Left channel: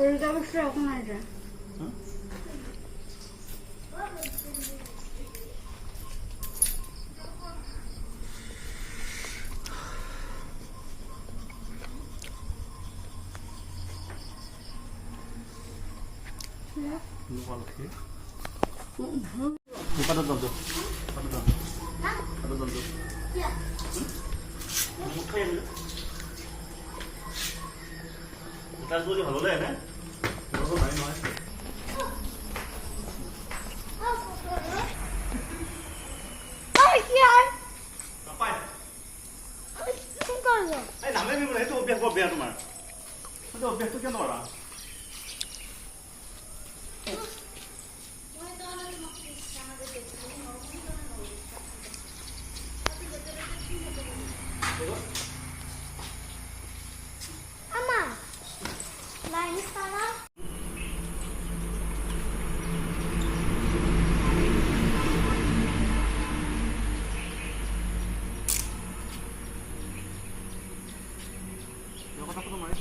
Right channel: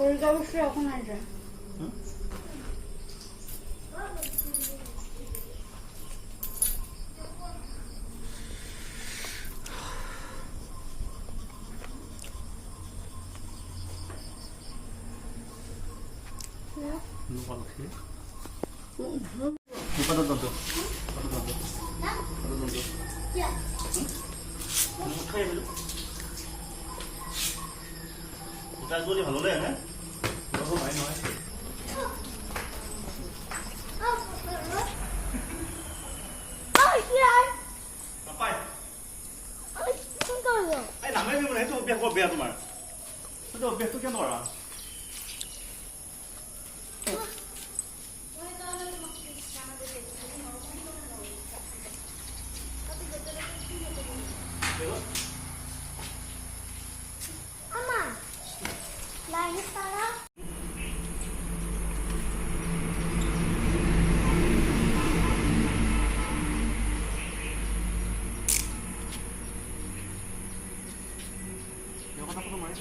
ওইটা অবশ্যই এখন আসবে। ভালো লাগে না নয় নামে দিব সেইটো অভ্যাস বৰ বেয়া তোমাৰ সেইটো অভ্যাসটো কিয় নোৱাৰা কথা মাৰি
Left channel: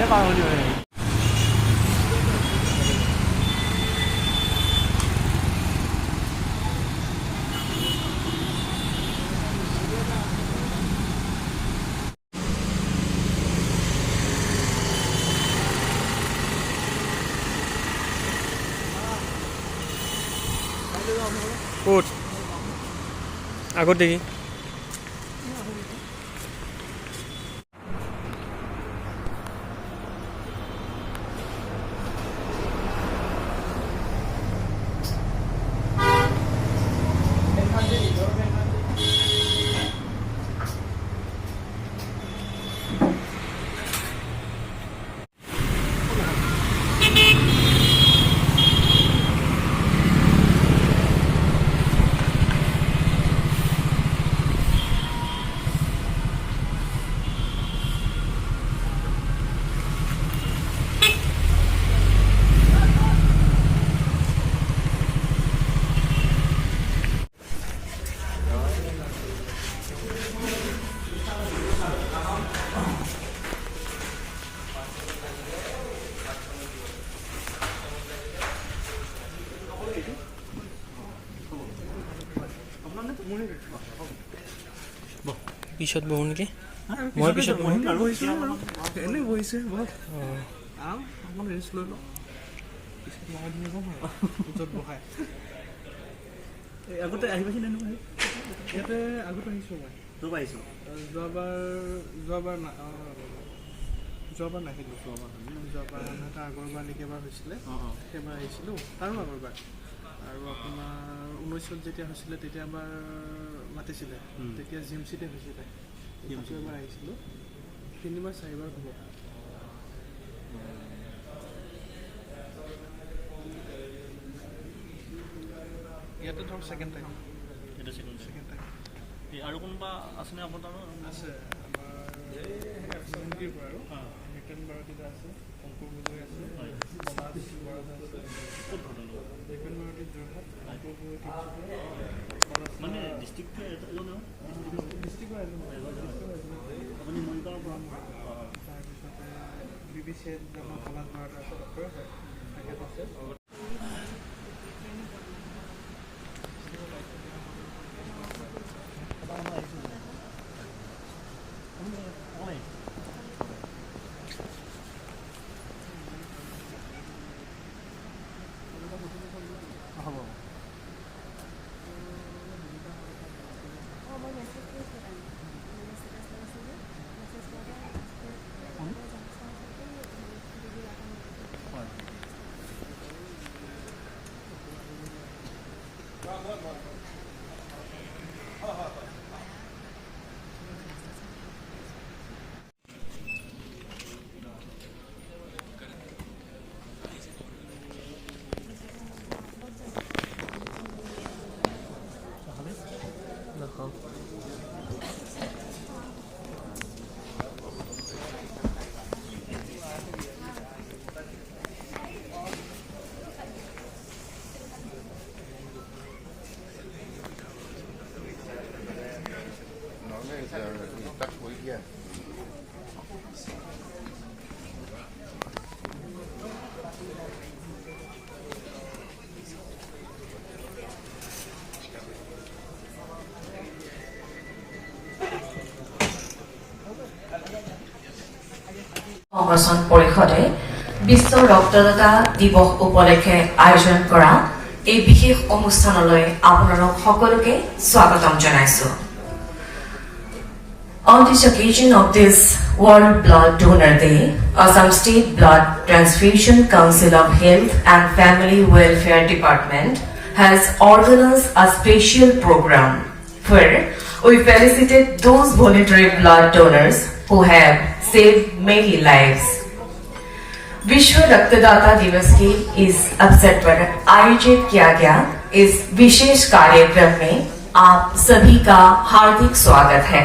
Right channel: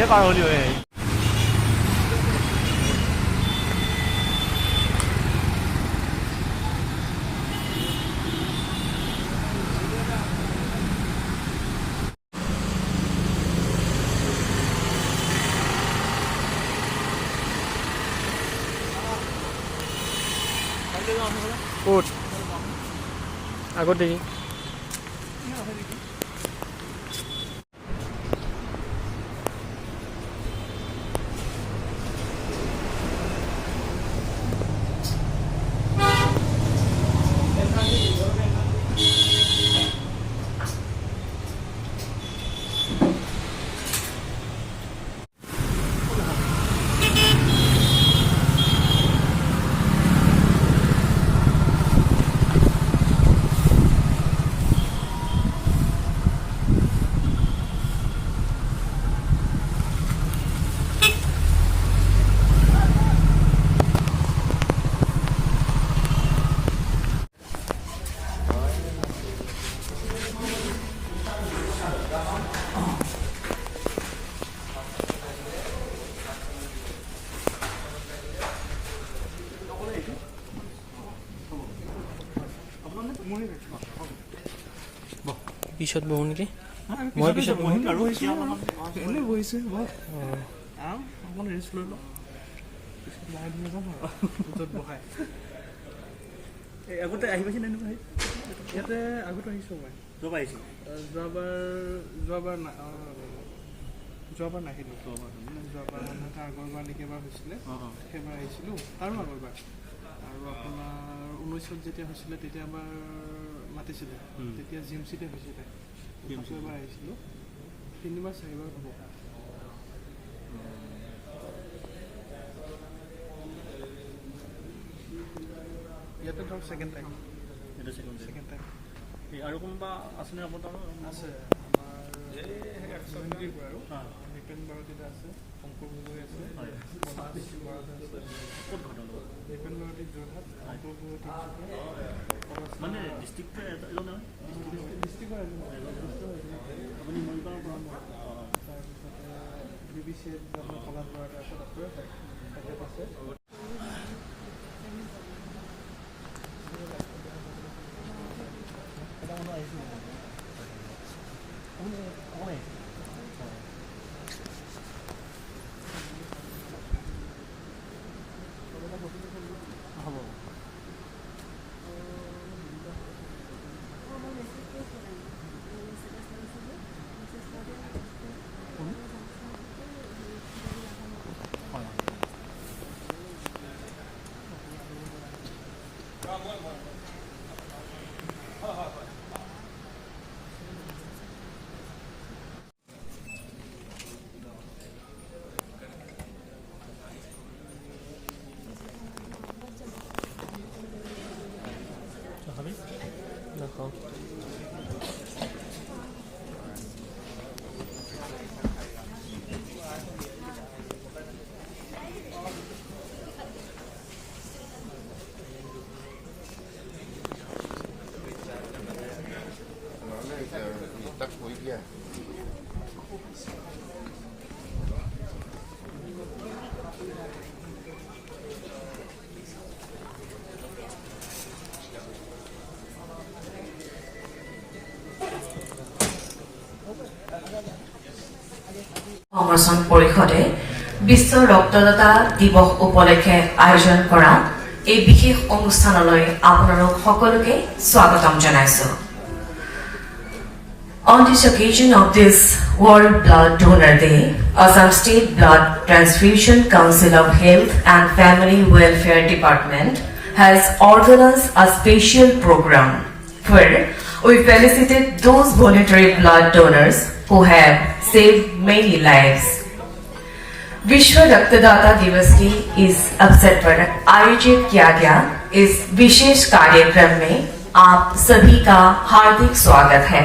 别打我就哎。ক'ত আগত দেখি পিছত বহো নেকি মই পিছত বহিম আৰু এনেই বহিছে অকমান ৰেষ্ট লৈ লওঁ পিছত লাহে ধীৰে যাম আৰু পিছত বহাই আগতে আহি পাইছে নে ইয়াতে আগত আহিছোঁ মই যোৱাবাৰ আহিছোঁ যোৱাবাৰ নাহিলোঁ যোৱাবাৰ তাৰ আগৰবাৰ নেকি এবাৰ হৈছিলে সেইবাৰ আহিছিলোঁ তাৰো আগৰবাৰ আৰু আপোনাৰ 19ত যেতিয়া হৈছিলে তেতিয়া এবাৰ মাতিছিলে তেতিয়া জি এম চিতে হৈছিলে এবাৰ আহিছিলোঁ 3বাৰ 4বাৰ হ'ব ইয়াতে ধৰক ছেকেণ্ড টাইম আৰু কোনোবা আছেনে আপোনাৰ আছে আমাৰ পৰা আৰু ৰিটাৰ্ণ বাৰতিটা আছে শংকৰ গগৈ আছে পলাশ বৰদা আছে ক'ত ঘটনা ৰিটাৰ্ণ বাৰতি যোৰহাট শংকৰ গগৈ মানে ডিষ্ট্ৰিক্টৰ এজনে ডিষ্ট্ৰিক্টৰ আপুনি মৰিগাঁৱৰ পৰা তাৰপিছতে বি বি চি আপোনাৰ পলাশ বৰদা আছে ডক্টৰ আছে হ'ব নাখাওঁ সংগঠন পৰিষদে বিশ্ব ৰক্তদাতা দিৱস উপলক্ষে আয়োজন কৰা এই বিশেষ অনুষ্ঠানলৈ আপোনালোক সকলোকে স্বাগতম জনাইছো। On this occasion of this World Blood Donor Day, Assam State Blood Transfusion Council of Health and Family Welfare Department has organized a special program where we felicitate those voluntary blood donors who have saved many lives. विश्व रक्तदाता दिवस के इस अवसर पर आयोजित किया गया इस विशेष कार्यक्रम में आप सभी का हार्दिक स्वागत है।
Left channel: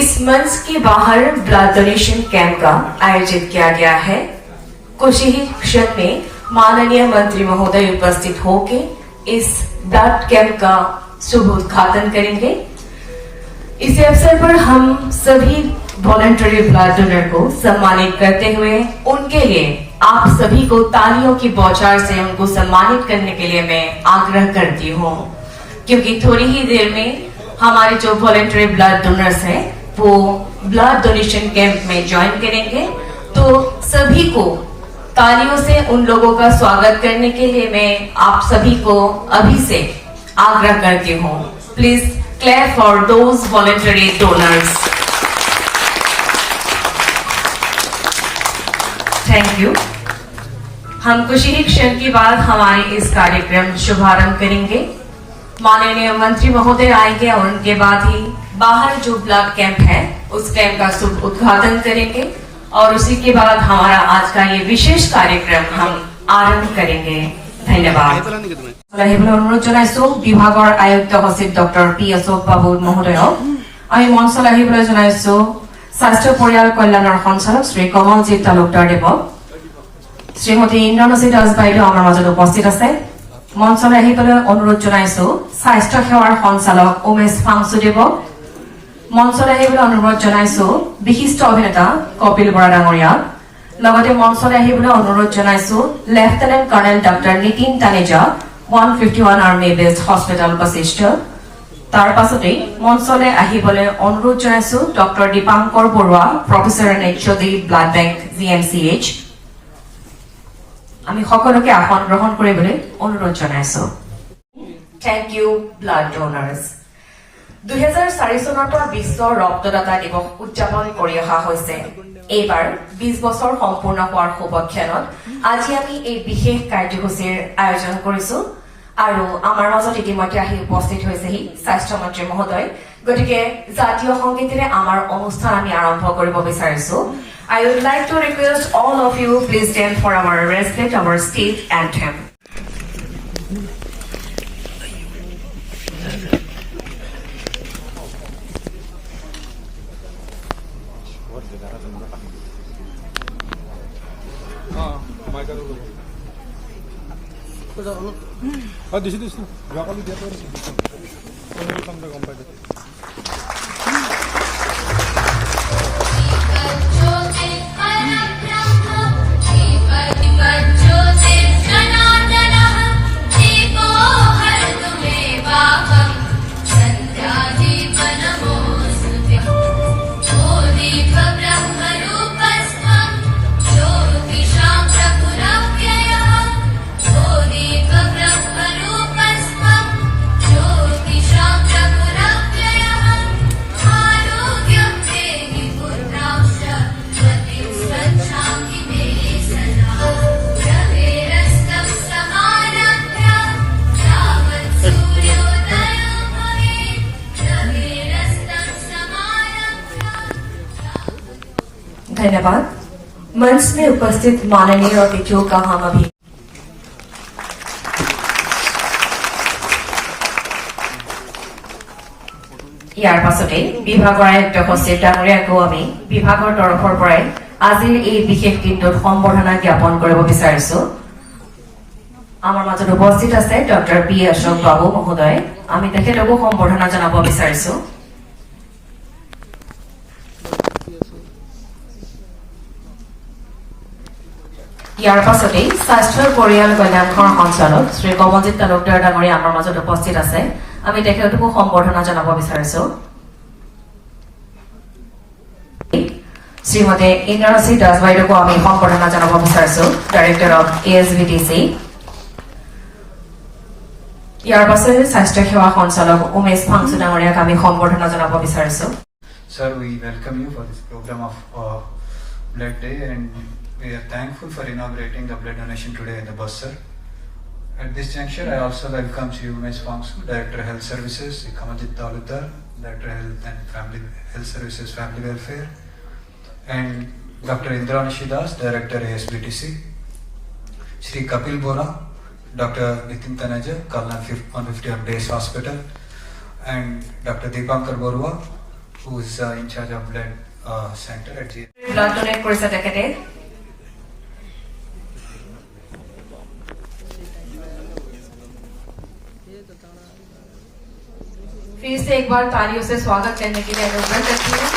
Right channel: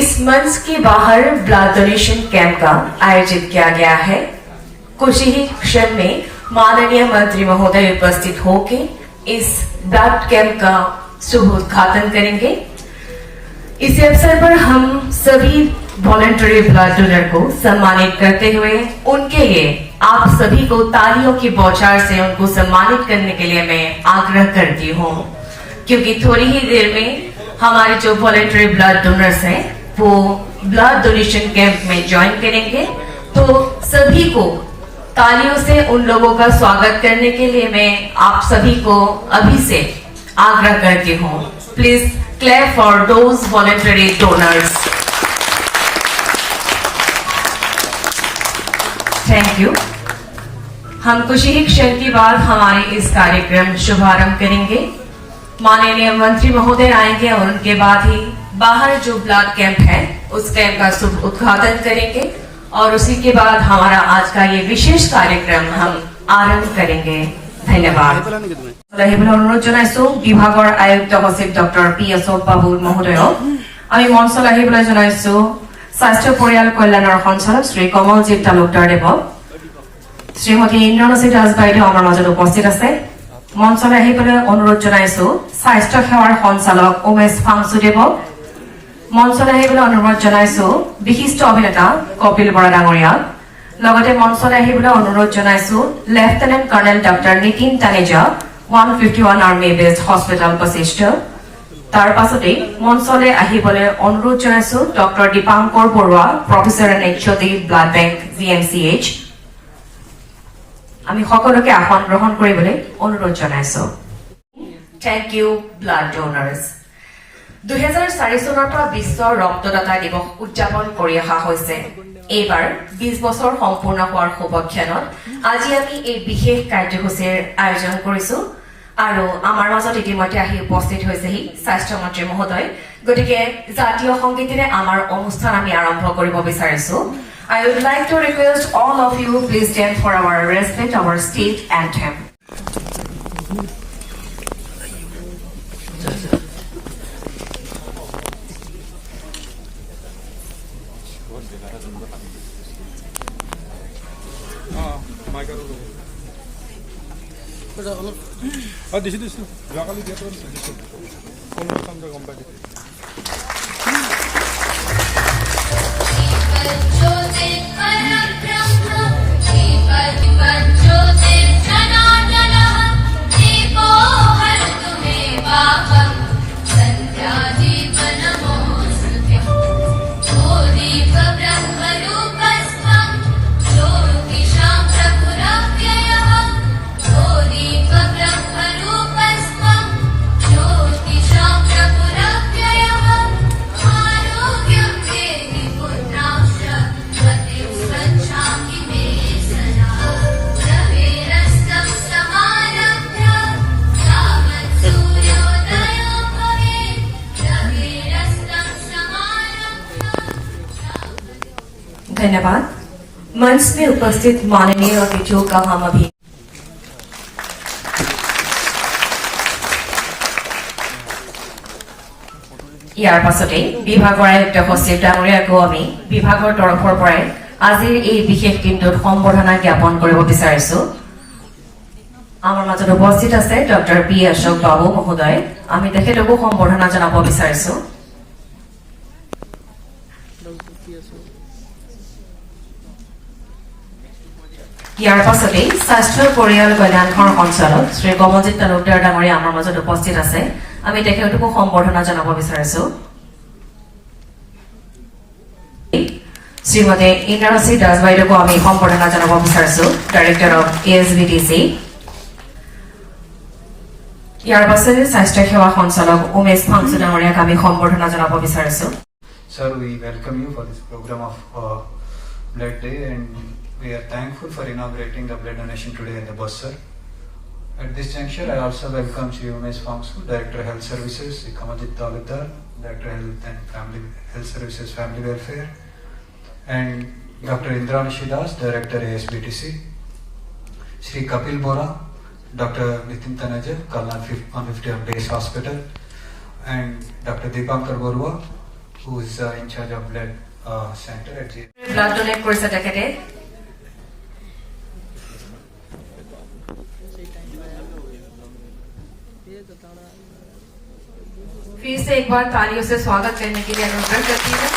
इस मंच के बाहर ब्लड डोनेशन कैंप का आयोजित किया गया है। कुछ ही क्षण में माननीय मंत्री महोदय उपस्थित होकर इस ब्लड कैंप का शुभ उद्घाटन करेंगे। इस अवसर पर हम सभी वॉलंटरी ब्लड डोनर को सम्मानित करते हुए उनके लिए आप सभी को तालियों की बौछार से उनको सम्मानित करने के लिए मैं आग्रह करती हूँ, क्योंकि थोड़ी ही देर में हमारे जो वॉलंटरी ब्लड डोनर्स हैं वो ब्लड डोनेशन कैंप में ज्वाइन करेंगे। तो सभी को तालियों से उन लोगों का स्वागत करने के लिए मैं आप सभी को अभी से आग्रह करती हूँ। Please clap for those voluntary donors. Thank you. हम कुछ ही क्षण के बाद हमारे इस कार्यक्रम शुभारंभ करेंगे। माननीय मंत्री महोदय आएंगे और उनके बाद ही बाहर जो ब्लड कैंप है उस कैंप का शुभ उद्घाटन करेंगे और उसी के बाद हमारा आज का ये विशेष कार्यक्रम हम आरंभ करेंगे। धन्यवाद। अनुरोध जनाइছো বিভাগৰ আয়ুক্ত সচিব ডক্টৰ পি অশোক বাবু মহোদয়ক। আমি মঞ্চলৈ আহিবলৈ জনাইছো স্বাস্থ্য পৰিয়াল কল্যাণৰ সঞ্চালক শ্ৰী কমলজিৎ তালুকদাৰ দেৱক। শ্ৰীমতী ইন্দ্ৰাণী দাস বাইদেউ আমাৰ মাজত উপস্থিত আছে। মঞ্চলৈ আহিবলৈ অনুৰোধ জনাইছো স্বাস্থ্য সেৱাৰ সঞ্চালক উমেশ ফাংচুদেৱক। মঞ্চলৈ আহিবলৈ অনুৰোধ জনাইছো বিশিষ্ট অভিনেতা কপিল বৰা ডাঙৰীয়াক। লগতে মঞ্চলৈ আহিবলৈ অনুৰোধ জনাইছো lieutenant colonel doctor Nitin Taneja 151 army based hospital Basistha. তাৰ পাছতে মঞ্চলৈ আহিবলৈ অনুৰোধ জনাইছো doctor Dipankar Barua professor and HOD blood bank GMCH। আমি সকলোকে আসন গ্ৰহণ কৰিবলৈ অনুৰোধ জনাইছো। Thank U blood ডোনাৰ্ছ। 2004 চনৰ পৰা বিশ্ব ৰক্তদাতা দিৱস উদযাপন কৰি অহা হৈছে। এইবাৰ 20 বছৰ সম্পূৰ্ণ হোৱাৰ শুভক্ষণত আজি আমি এই বিশেষ কাৰ্যসূচীৰ আয়োজন কৰিছো আৰু আমাৰ মাজত ইতিমধ্যে আহি উপস্থিত হৈছেহি স্বাস্থ্যমন্ত্ৰী মহোদয়। গতিকে জাতীয় সংগীতেৰে আমাৰ অনুষ্ঠান আমি আৰম্ভ কৰিব বিচাৰিছো। I would like to request all of you please stand for our respect our state anthem. দিছো যোৱাকালি দিয়াটো গম পাই धन्यवाद। मंच में उपस्थित माननीय अतिथियों का हम अभी ইয়াৰ পাছতে বিভাগৰ আয়ুক্ত সচিব ডাঙৰীয়াকো আমি বিভাগৰ তৰফৰ পৰাই আজিৰ এই বিশেষ দিনটোত সম্বৰ্ধনা জ্ঞাপন কৰিব বিচাৰিছো। আমাৰ মাজত উপস্থিত আছে ডক্টৰ পি অশোক বাবু মহোদয়। আমি তেখেতকো সম্বৰ্ধনা জনাব বিচাৰিছো। ইয়াৰ পাছতে স্বাস্থ্য পৰিয়াল কল্যাণৰ সঞ্চালক শ্ৰী কমলজিৎ তালুকদাৰ ডাঙৰীয়া আমাৰ মাজত উপস্থিত আছে। আমি তেখেতকো সম্বৰ্ধনা জনাব বিচাৰিছো। শ্ৰীমতী ইন্দ্ৰাণী দাস বাইদেউকো আমি সম্বৰ্ধনা জনাব বিচাৰিছো, ডাইৰেক্টৰ অফ ASBTC। ইয়াৰ পাছতে স্বাস্থ্য সেৱা সঞ্চালক উমেশ ফাংচু ডাঙৰীয়াক আমি সম্বৰ্ধনা জনাব বিচাৰিছো। Sir, we welcome you for this program of Blood Day, and we are thankful for inaugurating the blood donation today in the Bursar. At this juncture, I also welcome Sri Umesh Fangsu, Director of Health Services, Sri Kamaljit Talukdar, Director of Health and Health Services Family Welfare, and Dr. Indranishi Das, Director ASBTC, Sri Kapil Bora, Dr. Nitin Taneja, Kalna 150 of Days Hospital, and Dr. Deepankar Borua, who is in charge of blood center at G. Blood donate কৰিছে তেখেতে। फिर से एक बार तालियों से स्वागत करने के लिए अनुरोध करती हूँ।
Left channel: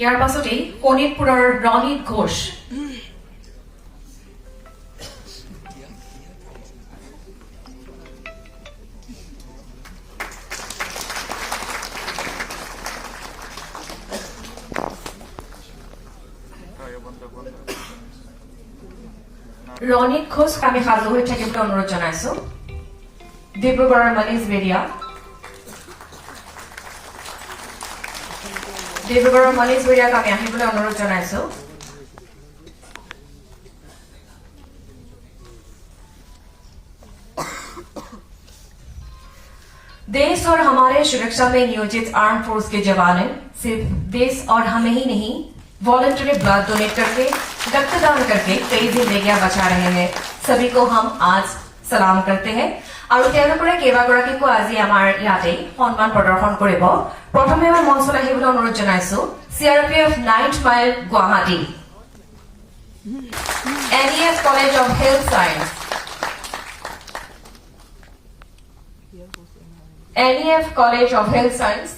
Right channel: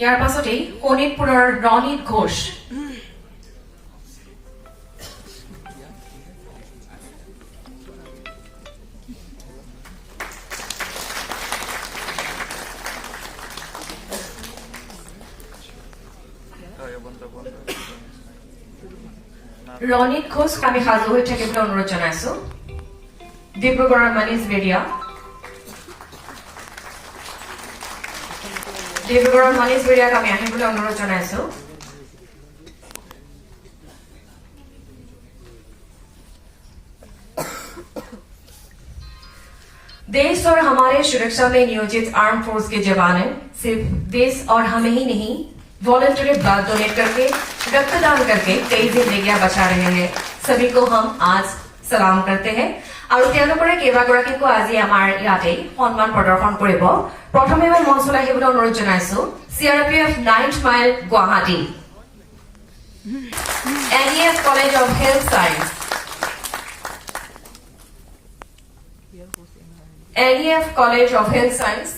ইয়াৰ পাছতেই শোণিতপুৰৰ ৰণিত ঘোষ। ৰণিত ঘোষ আমি সাজু হৈ থাকিবলৈ অনুৰোধ জনাইছো। ডিব্ৰুগড়ৰ মনীষ বেৰিয়া। ডিব্ৰুগড়ৰ মনীষ বেৰিয়াক আমি আহিবলৈ অনুৰোধ জনাইছো। देश और हमारे सुरक्षा में नियोजित आर्म फोर्स के जवान सिर्फ देश और हमें ही नहीं वॉलंटरी ब्लड डोनेट करके रक्तदान करके कई जिंदगियां बचा रहे हैं। सभी को हम आज सलाम करते हैं और তেওঁলোকৰে কেইবাগৰাকীকো আজি আমাৰ ইয়াতে সন্মান প্ৰদৰ্শন কৰিব। প্ৰথমে মই মঞ্চলৈ আহিবলৈ অনুৰোধ জনাইছো CRPF 9th mile Guwahati, NEF college of health science, NEF college of health science,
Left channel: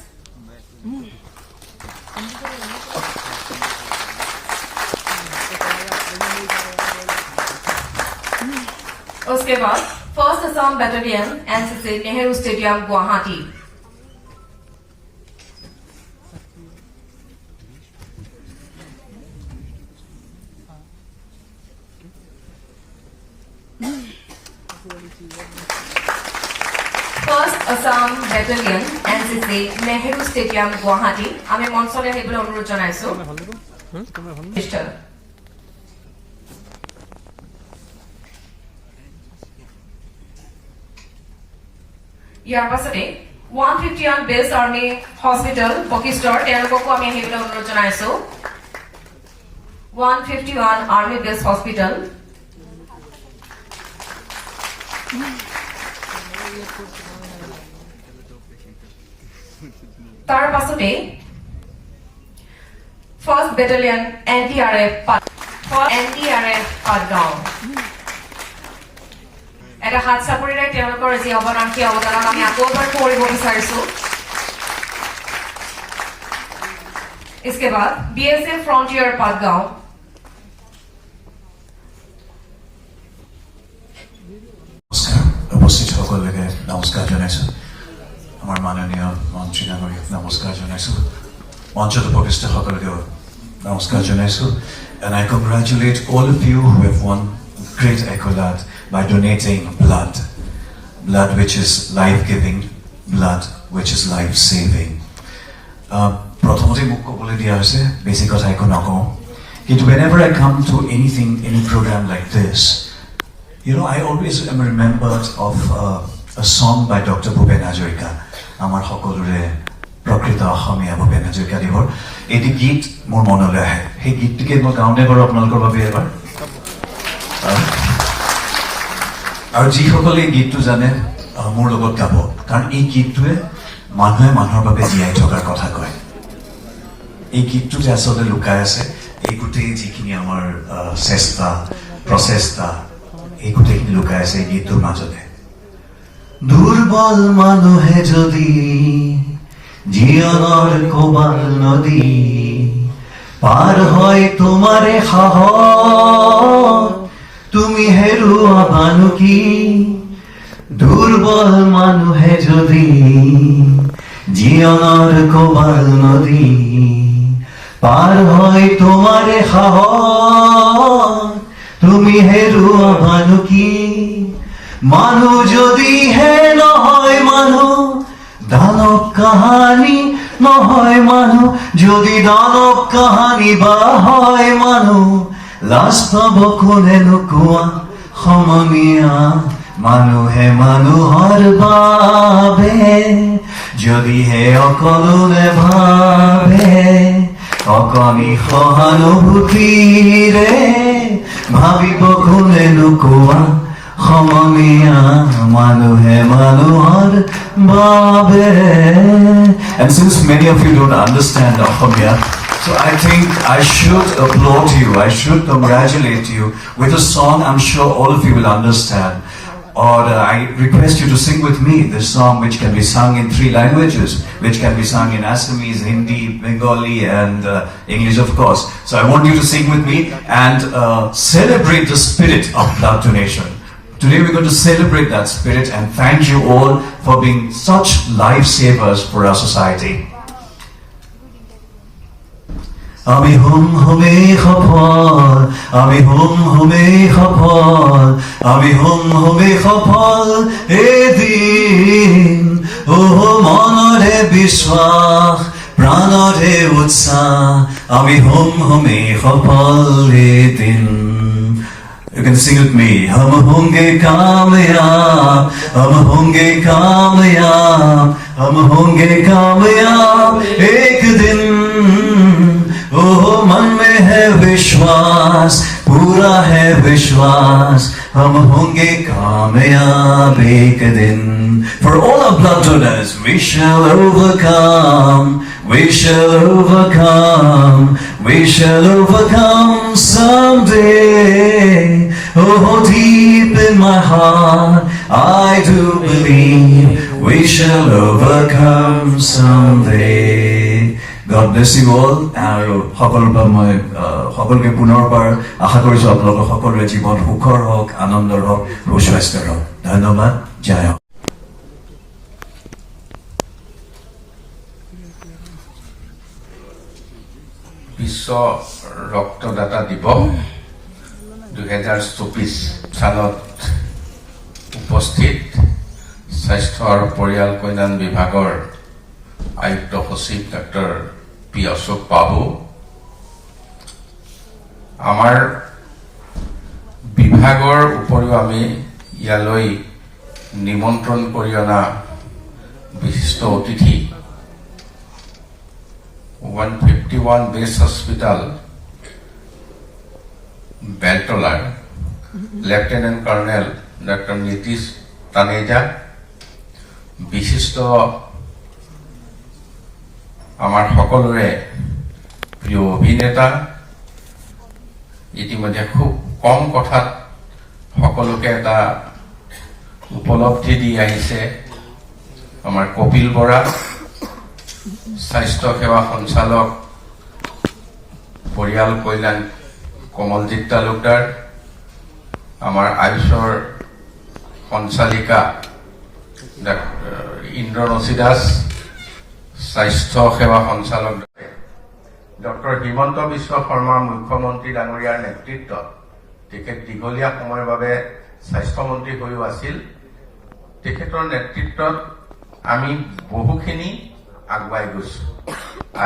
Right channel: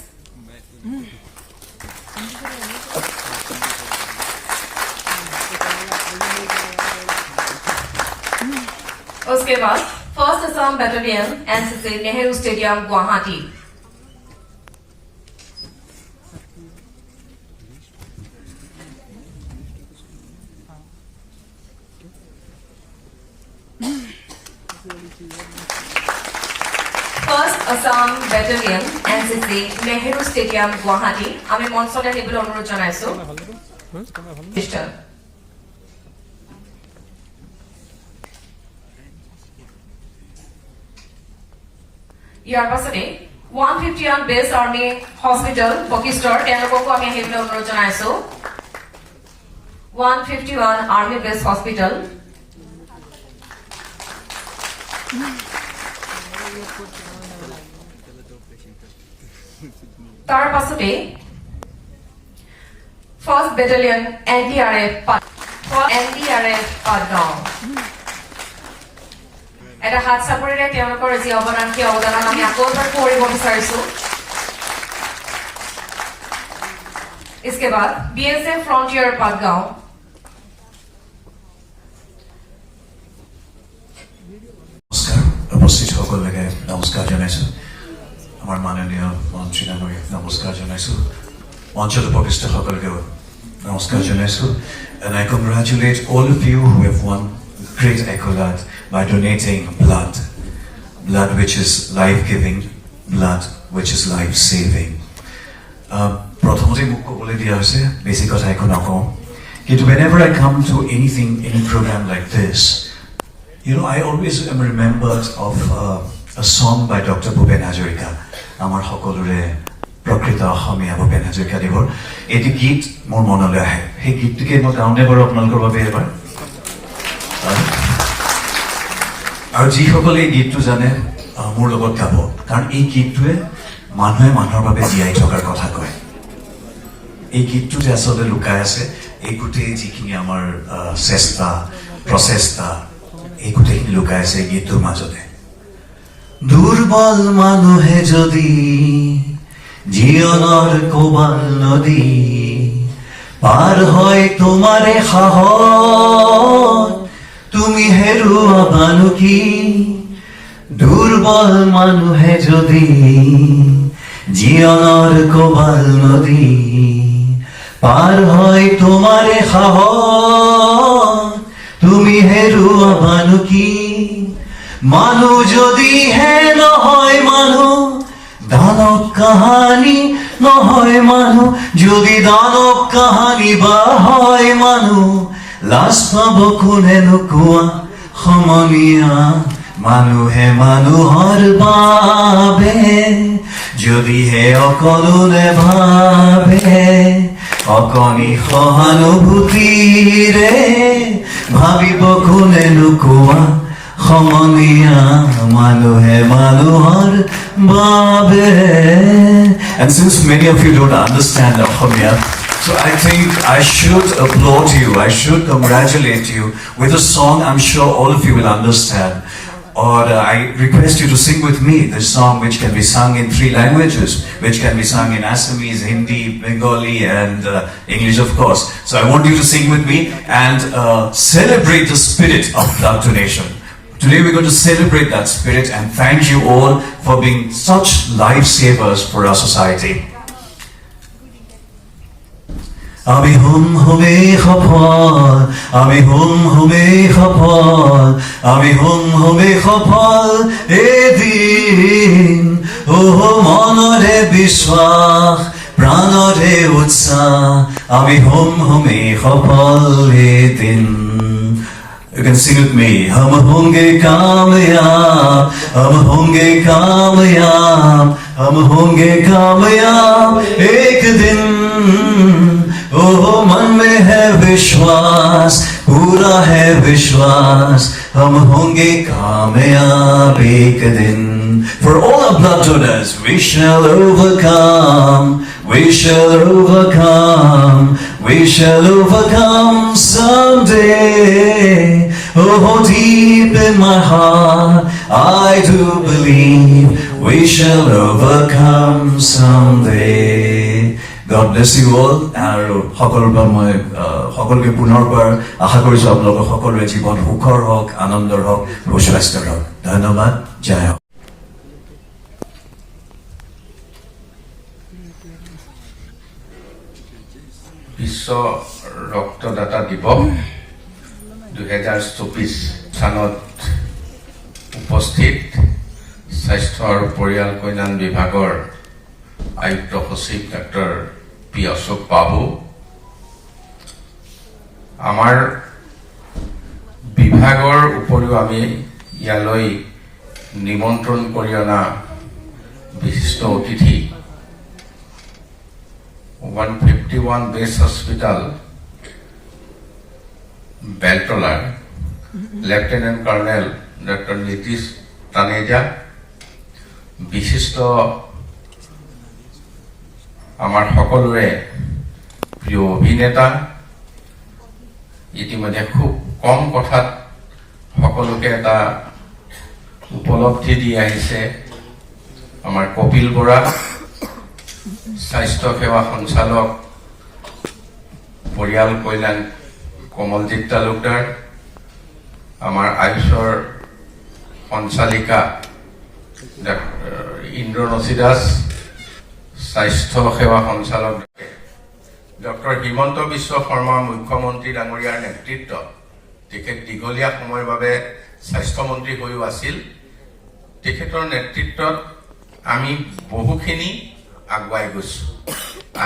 उसके बाद first Assam battalion NCC Nehru stadium Guwahati, first Assam battalion NCC Nehru stadium Guwahati. আমি মঞ্চলৈ আহিবলৈ অনুৰোধ জনাইছো। ইয়াৰ পাছতে 151 বেছ আৰ্মি হস্পিটেল বশিষ্ঠৰ তেওঁলোককো আমি আহিবলৈ অনুৰোধ জনাইছো। 151 আৰ্মি বেছ হস্পিটেল। তাৰ পাছতে ফাৰ্ষ্ট বেটালিয়ন NDRF পাটগাঁও। এটা হাত চাপৰিৰে তেওঁলোকৰ যি অৱদান সেই অৱদানক আমি আকৌ এবাৰ কৰিব বিচাৰিছো। इसके बाद BSF फ्रंटियर पाटगांव, উপস্থিত সকলোকে নমস্কাৰ জনাইছো। আমাৰ মাননীয় মন্ত্ৰী ডাঙৰীক নমস্কাৰ জনাইছো। মঞ্চত উপস্থিত সকলোকে নমস্কাৰ জনাইছো। And I congratulate all of you who have won great accolade by donating blood which is life-giving, blood which is life-saving. প্ৰথমতে মোক ক'বলৈ দিয়া হৈছে, বেছি কথা একো নকওঁ, কিন্তু whenever I come to any program like this, you know, I always am remembered of a song by Dr. Bhupen Hajorika. Amar hokolore prakrita Asamiya Bhupen Hajorika devor eti git mor monole ahe. He gitke mo gaune koro apnalokor babe ebar. Aru ji hokole ei gittu jane mor logot gabo. Karon ei gittue মানুহে মানুহৰ বাবে জীয়াই থকাৰ কথা কয়। এই গীতটোতে আচলতে লুকাই আছে এই গোটেই যিখিনি আমাৰ চেষ্টা প্ৰচেষ্টা, এই গোটেইখিনি লুকাই আছে গীতটোৰ মাজতে। দুৰ্বল মানুহে যদি জীৱনৰ কোবাল নদী পাৰ হয় তোমাৰে সাহস, তুমি হেৰুৱাবানো কি? দুৰ্বল মানুহে যদি জীৱনৰ কোবাল নদী পাৰ হয় তোমাৰে সাহস, তুমি হেৰুৱাবানো কি? মানুহ যদিহে নহয় মানুহ, দানৱ কাহানী নহয় মানুহ, যদি দানৱ কাহানী বা হয় মানুহ, লাজ পাব কোনেনো কোৱা সমনীয়া? মানুহে মানুহৰ বাবে যদিহে অকলো নেভাবে, অকণি সহানুভূতিৰে ভাবিব কোনেনো কোৱা সমনীয়া? মানুহে মানুহৰ বাবে। And since many of you don't understand Asamiya, so I think I should applaud you, I should congratulate you with a song I'm sure all of you will understand. Or I request you to sing with me this song, which can be sung in 3 languages, which can be sung in Assamese, Hindi, Bengali, and English, of course. So I want you to sing with me and celebrate the spirit of blood donation. Today we're going to celebrate that spirit and thank you all for being such lifesavers for our society. Ami hum hume khapal, ami hum hume khapal, ami hum hume khapal edin. Oh manore bishwach, pranore utsa, ami hum hume khapal edin. You can sing with me. Hum honge kamyab, hum honge kamyab, hum honge kamyab ek din. Oh मन में है विश्वास, पूरा है विश्वास, हम होंगे कामयाब एक दिन. For all our blood donors, we shall overcome, we shall overcome, we shall overcome someday. Oh, deep in my heart, I do believe we shall overcome someday. God bless you all. আৰু সকলোৰ পৰা মই সকলোকে পুনৰবাৰ আশা কৰিছোঁ আপোনালোকৰ সকলোৰে জীৱন সুখৰ হওক, আনন্দৰ হওক, সুস্বাস্থ্যৰ হওক. ধন্যবাদ. জয় হওক. বিশ্ব ৰক্তদাতা দিৱস 2024 চনত উপস্থিত স্বাস্থ্য আৰু পৰিয়াল কল্যাণ বিভাগৰ আয়ুক্ত সচিব ডক্টৰ পি অশোক বাবু, আমাৰ বিভাগৰ উপৰিও আমি ইয়ালৈ নিমন্ত্ৰণ কৰি অনা বিশিষ্ট অতিথি 151 বেছ হস্পিটাল বেলতলাৰ lieutenant colonel doctor Nitish Taneja, বিশিষ্ট আমাৰ সকলোৰে প্ৰিয় অভিনেতা, ইতিমধ্যে খুব কম কথাত সকলোকে এটা উপলব্ধি দি আহিছে আমাৰ কপিল বৰা, স্বাস্থ্য সেৱা সঞ্চালক পৰিয়াল কল্যাণ কমলজিৎ তালুকদাৰ, আমাৰ আয়ুষৰ সঞ্চালিকা ইন্দ্ৰনচী দাস, স্বাস্থ্য সেৱা সঞ্চালক ডক্টৰ হিমন্ত বিশ্ব শৰ্মা মুখ্যমন্ত্ৰী ডাঙৰীয়াৰ নেতৃত্বত, তেখেত দীঘলীয়া সময়ৰ বাবে স্বাস্থ্যমন্ত্ৰী হৈও আছিল, তেখেতৰ নেতৃত্বত আমি বহুখিনি আগুৱাই গৈছো.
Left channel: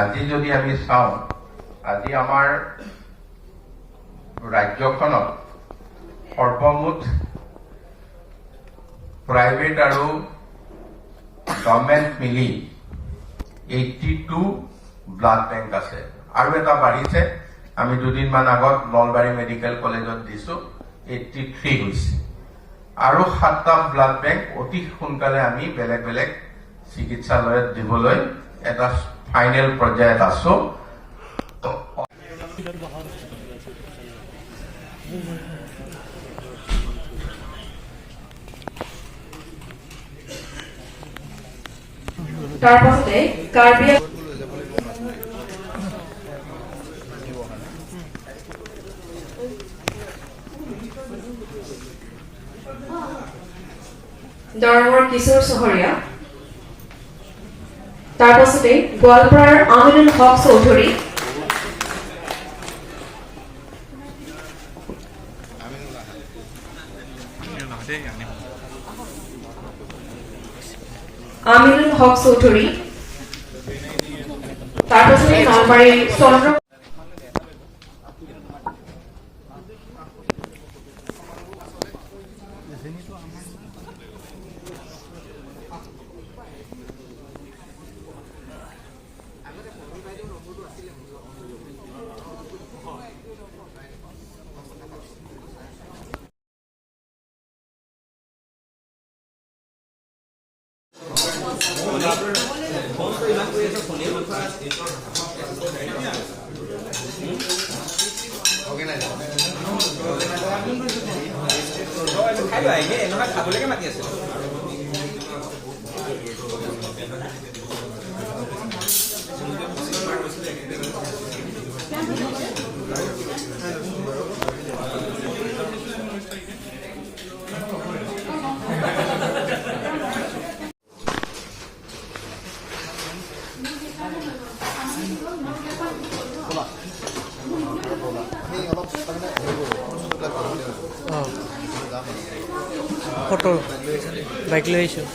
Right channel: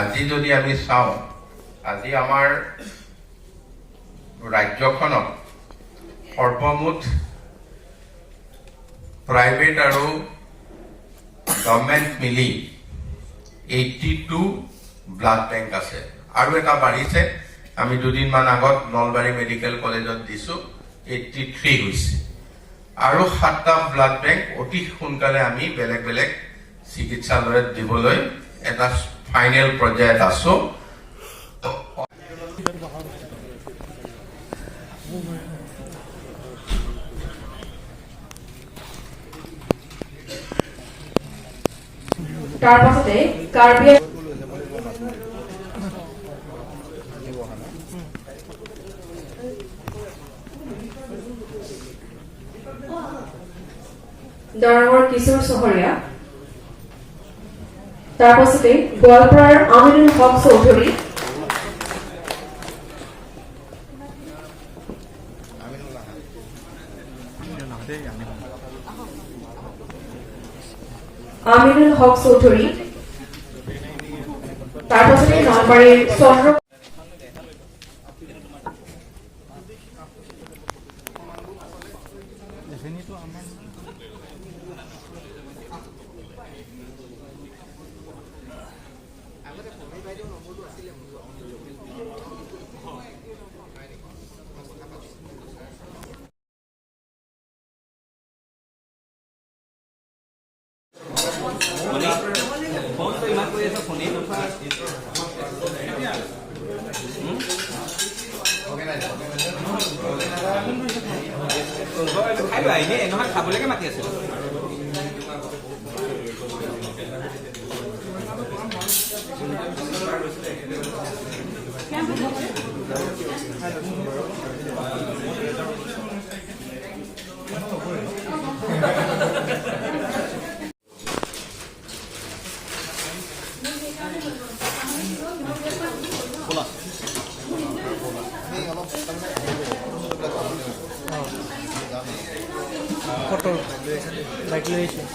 আজি যদি আমি চাওঁ, আজি আমাৰ ৰাজ্যখনত সৰ্বমুঠ প্ৰাইভেট আৰু গভৰ্ণমেণ্ট মিলি 82 ব্লাড বেংক আছে. আৰু এটা বাঢ়িছে, আমি দুদিনমান আগত নলবাৰী মেডিকেল কলেজত দিছো, 83 হৈছে. আৰু 7টা ব্লাড বেংক অতি সোনকালে আমি বেলেগ বেলেগ চিকিৎসালয়ত দিবলৈ এটা ফাইনেল পৰ্যায়ত আছো. তাৰ পাছতে কাৰ্বি দৰঙৰ কিশোৰ চহৰীয়া, তাৰ পাছতে গোৱালপাৰাৰ আমিনুল হক চৌধুৰী, আমিনুল হক চৌধুৰী, তাৰ পাছতে নলবাৰীৰ চন্দ্ৰ খাই লোৱা এনেই নহয় খাবলৈকে মাতি আছিল ফটো বাইক লৈ আহিছোঁ